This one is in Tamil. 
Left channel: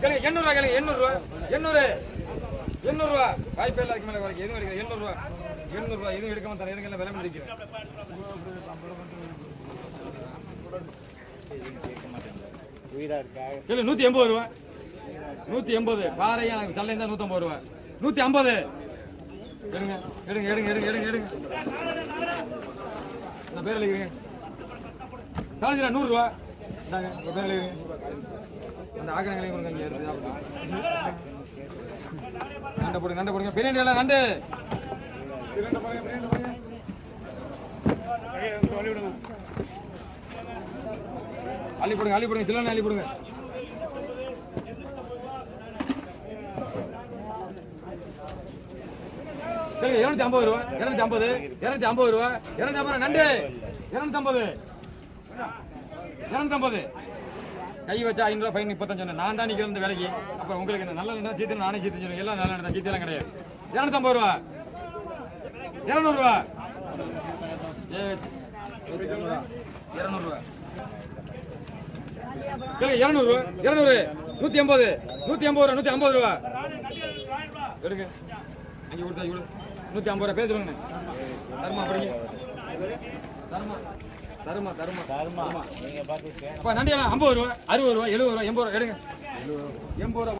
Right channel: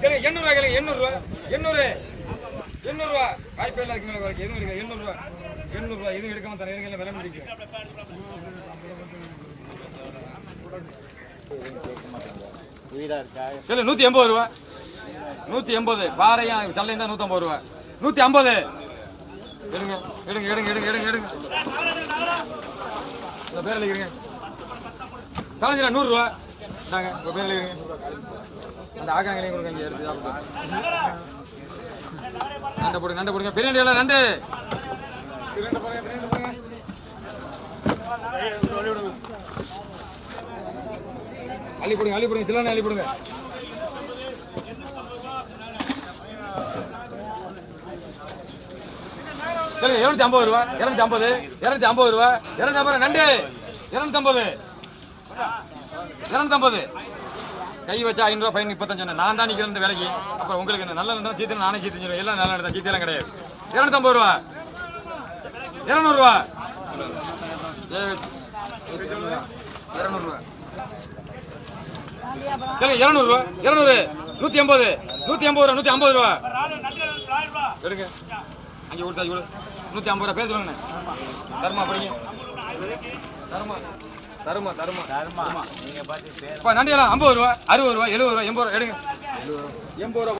கேளுங்க எண்ணூறுவா கிளை எண்ணூறுவா எண்ணூறு. எண்ணூறுவா வாய்ப்பே இல்லை மேலே வரைக்கும் எதுவும் இருக்கு எண்ணூறுவா எண்ணூறுவா எதுவும் எடுக்காம தர எனக்கு விலை முடிக்கும் இல்லை நூற்றி எண்பது ரூபா. நூற்றி எண்பது. பாறையும் சல்லையும் தான் நூற்றம்பது ரூபா. நூற்றி ஐம்பது. எடுங்க எடுங்க எடுங்க எடுங்க எடுங்க எடுங்க. உங்கள் பேரில் இருங்க காலேஜில் நூறுரூவா நாங்கள் உங்கள் இந்த ஆகாங்களையும் கொடுங்க இங்கே எடுத்து நண்டை போடுங்க நண்டை போடுங்க. பிரியாணி எல்லாம் நண்டு. பிரியாணி போடுங்க பிரியாணி போடுங்க அள்ளி போடுங்க அள்ளி போடுங்க சிலோனி அள்ளி போடுங்க. இருநூத்தி ஐம்பது ரூபா இருநூத்தி ஐம்பது இருநூத்தி ஐம்பது ரூபா இருநூத்தி ஐம்பது நண்டு இருநூத்தி ஐம்பது. இரநூத்தம்பது. கை வச்சா ஐநூறுவா ஃபைன் முப்பத்தஞ்சு நான் தான் நிற்கிறேன் இந்த வேலைக்கு. அப்புறம் உங்களுக்கு என்ன? நல்ல இருந்தா சீத்து நானே சீத்து சொல்லுவேன். எல்லாம் நல்ல நடந்தா சீத்தெல்லாம் கிடையாது. இரநூத்தம்பது ரூபா. இரநூறுவா. இரநூறுவா சொல்லுங்க இருநூறுவா. இருநூறு நூத்தி எண்பது நூத்தி எண்பது ரூபா நூத்தி ஐம்பது ரூபா. எடுங்க. அஞ்சு கொடுத்தா இவ்வளோ நூற்றி ஐம்பது ரூபா பேர் சொல்லுங்க. தருமா படிங்க தருமா தருமா தருமா. தர்மா. நீங்க பாத்து ஐம்பது ரூபா அறுபது ரூபா எழுபது ரூபா எண்பது ரூபா எடுங்க. எண்பது ரூபா